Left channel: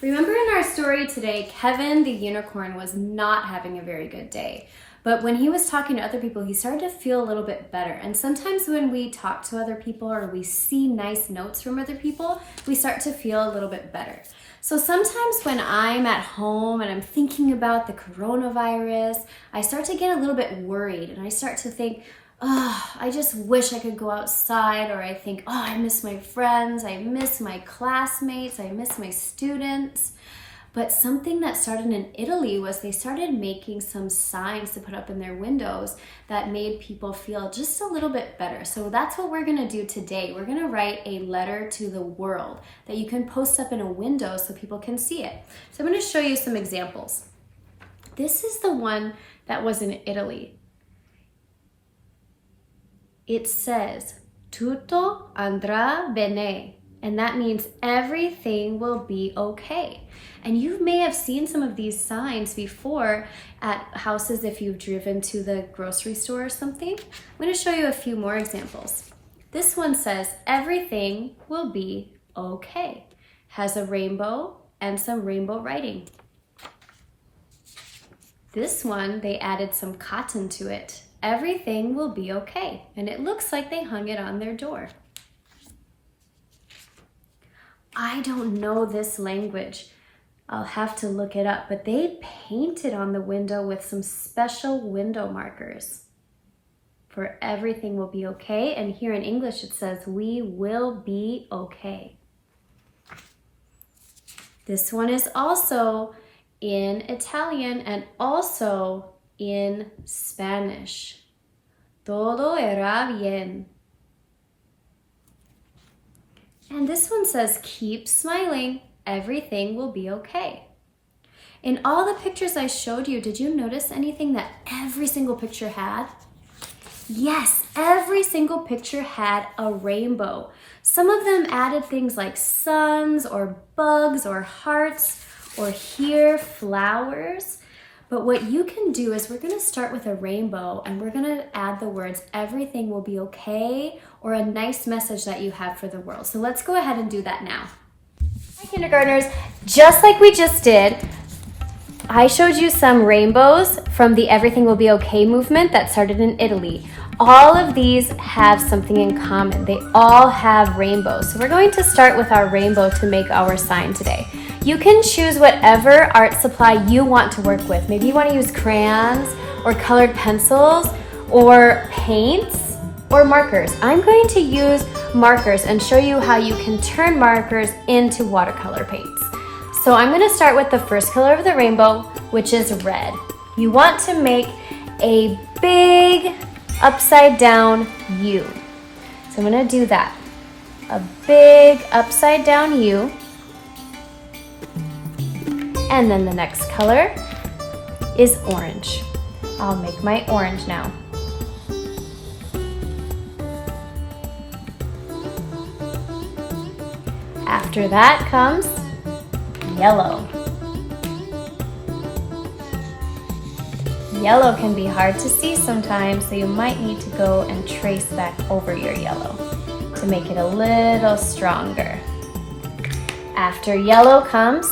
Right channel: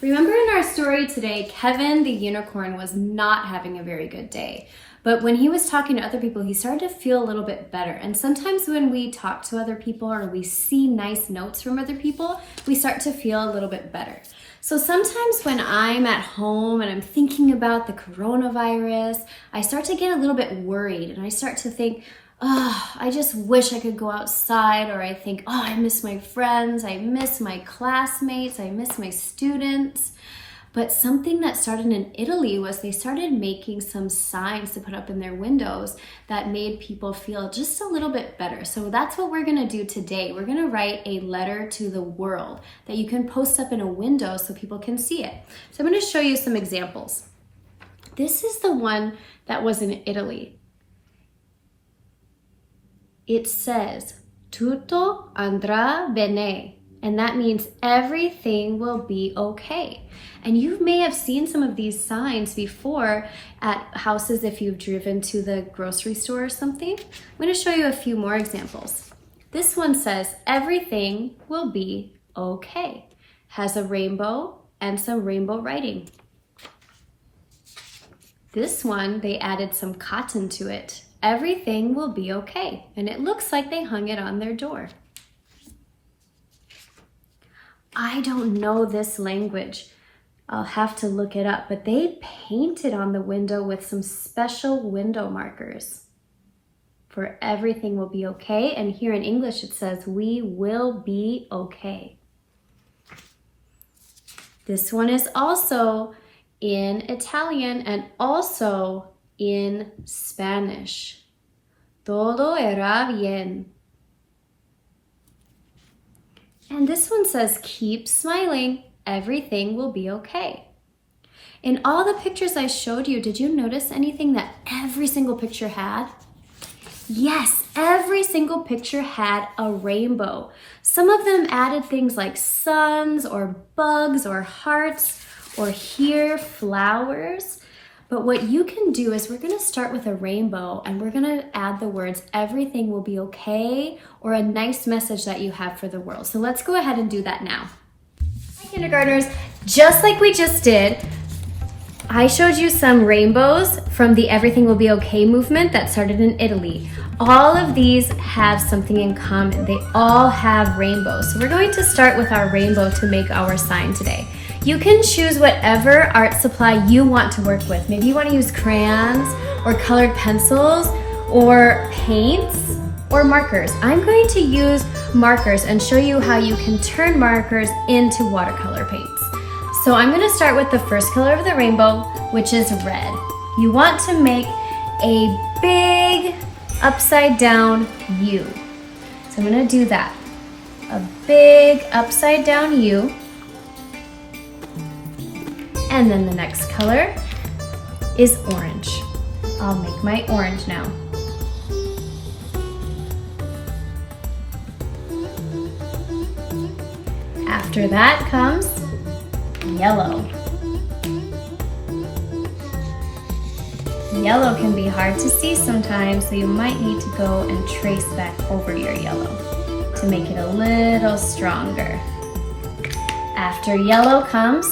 Remember in our story today, Kevin the unicorn was not having a very good day. But when he was talking to other people, he started to feel a little bit better. And sometimes when we talk to other people or we see nice notes from other people, we start to feel a little bit better. So sometimes when I'm at home and I'm thinking about the coronavirus, I start to get a little bit worried and I start to think, oh, I just wish I could go outside, or I think, oh, I miss my friends, I miss my classmates, I miss my students. But something that started in Italy was they started making some signs to put up in their windows that made people feel just a little bit better. So that's what we're gonna do today. We're gonna write a letter to the world that you can post up in a window so people can see it. So I'm gonna show you some examples. This is the one that was in Italy. It says, tutto andrà bene, and that means everything will be okay. And you may have seen some of these signs before at houses if you've driven to the grocery store or something. I'm going to show you a few more examples. This one says, everything will be okay. Has a rainbow and some rainbow writing. This one, they added some cotton to it. Everything will be okay. And it looks like they hung it on their door. I don't know this language. I'll have to look it up, but they painted on the window with some special window markers for everything will be okay. And here in English, it says, we will be okay. This one is also in Italian and also in Spanish. Todo irá bien. And this one says, keep smiling, everything will be okay. In all the pictures I showed you, did you notice anything that every single picture had? Yes, every single picture had a rainbow. Some of them added things like suns or bugs or hearts or here, flowers. But what you can do is we're gonna start with a rainbow and we're gonna add the words, everything will be okay, or a nice message that you have for the world. So let's go ahead and do that now. Hi, kindergartners, just like we just did, I showed you some rainbows from the Everything Will Be Okay movement that started in Italy. All of these have something in common. They all have rainbows. So we're going to start with our rainbow to make our sign today. You can choose whatever art supply you want to work with. Maybe you want to use crayons or colored pencils or paints or markers. I'm going to use markers and show you how you can turn markers into watercolor paints. So I'm going to start with the first color of the rainbow, which is red. You want to make a big upside down U. So I'm going to do that. A big upside down U. And then the next color is orange. I'll make my orange now. After that comes yellow. Yellow can be hard to see sometimes, so you might need to go and trace back over your yellow to make it a little stronger. After yellow comes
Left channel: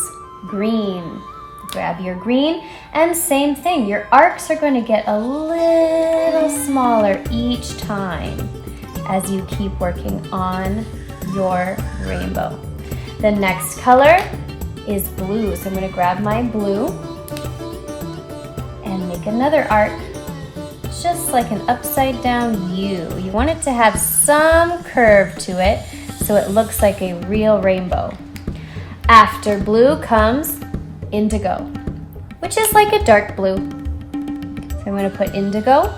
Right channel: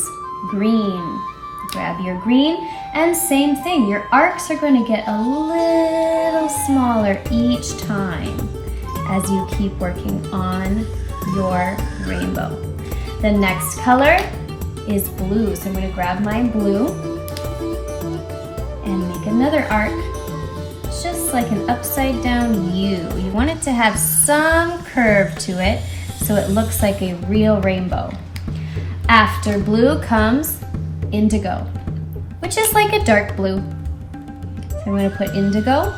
green. Grab your green, and same thing, your arcs are going to get a little smaller each time as you keep working on your rainbow. The next color is blue, so I'm going to grab my blue and make another arc, just like an upside down U. You want it to have some curve to it so it looks like a real rainbow. After blue comes indigo, which is like a dark blue. So I'm going to put indigo.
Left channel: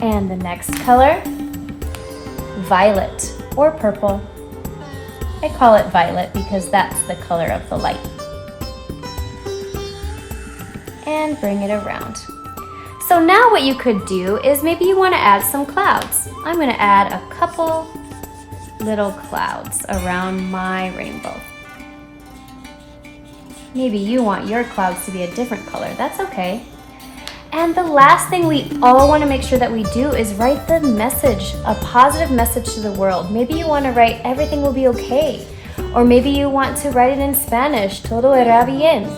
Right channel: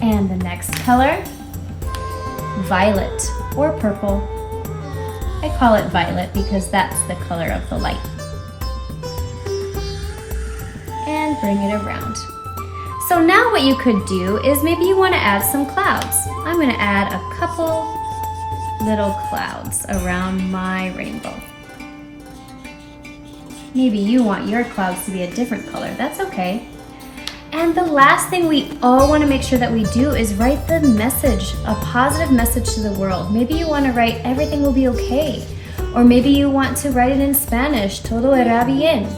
And the next color, violet or purple. I call it violet because that's the color of the light. And bring it around. So now what you could do is maybe you want to add some clouds. I'm going to add a couple little clouds around my rainbow. Maybe you want your clouds to be a different color. That's okay. And the last thing we all want to make sure that we do is write the message, a positive message to the world. Maybe you want to write everything will be okay. Or maybe you want to write it in Spanish, todo irá bien.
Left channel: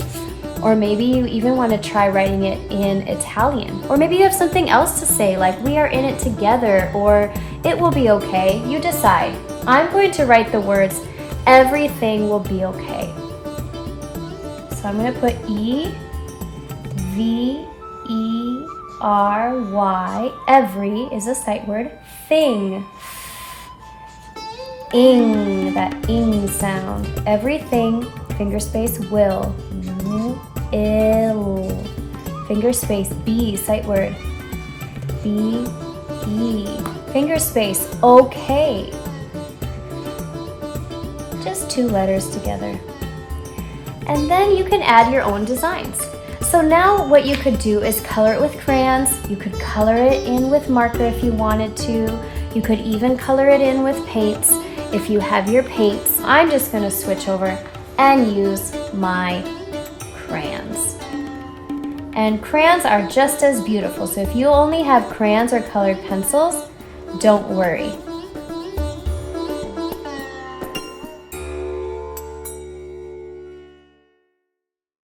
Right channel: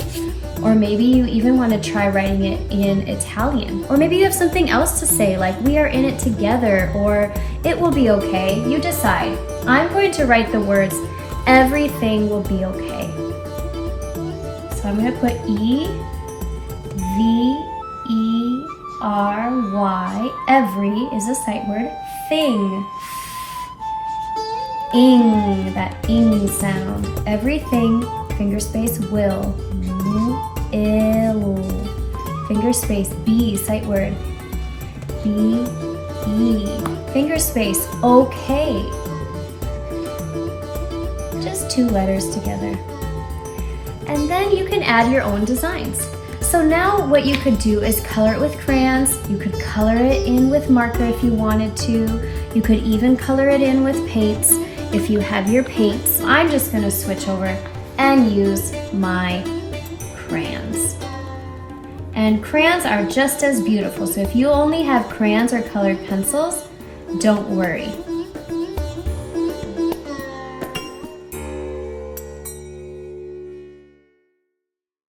Or maybe you even want to try writing it in Italian. Or maybe you have something else to say, like we are in it together, or it will be okay. You decide. I'm going to write the words, everything will be okay. So I'm going to put E-V-E-R-Y. Every is a sight word. Thing. Ing, that ing sound. Everything, finger space, will. Ill. Finger space, be, sight word. Be, finger space, okay. Just 2 letters together. And then you can add your own designs. So now what you could do is color it with crayons. You could color it in with marker if you wanted to. You could even color it in with paints. If you have your paints, I'm just gonna switch over and use my crayons. And crayons are just as beautiful. So if you only have crayons or colored pencils, don't worry.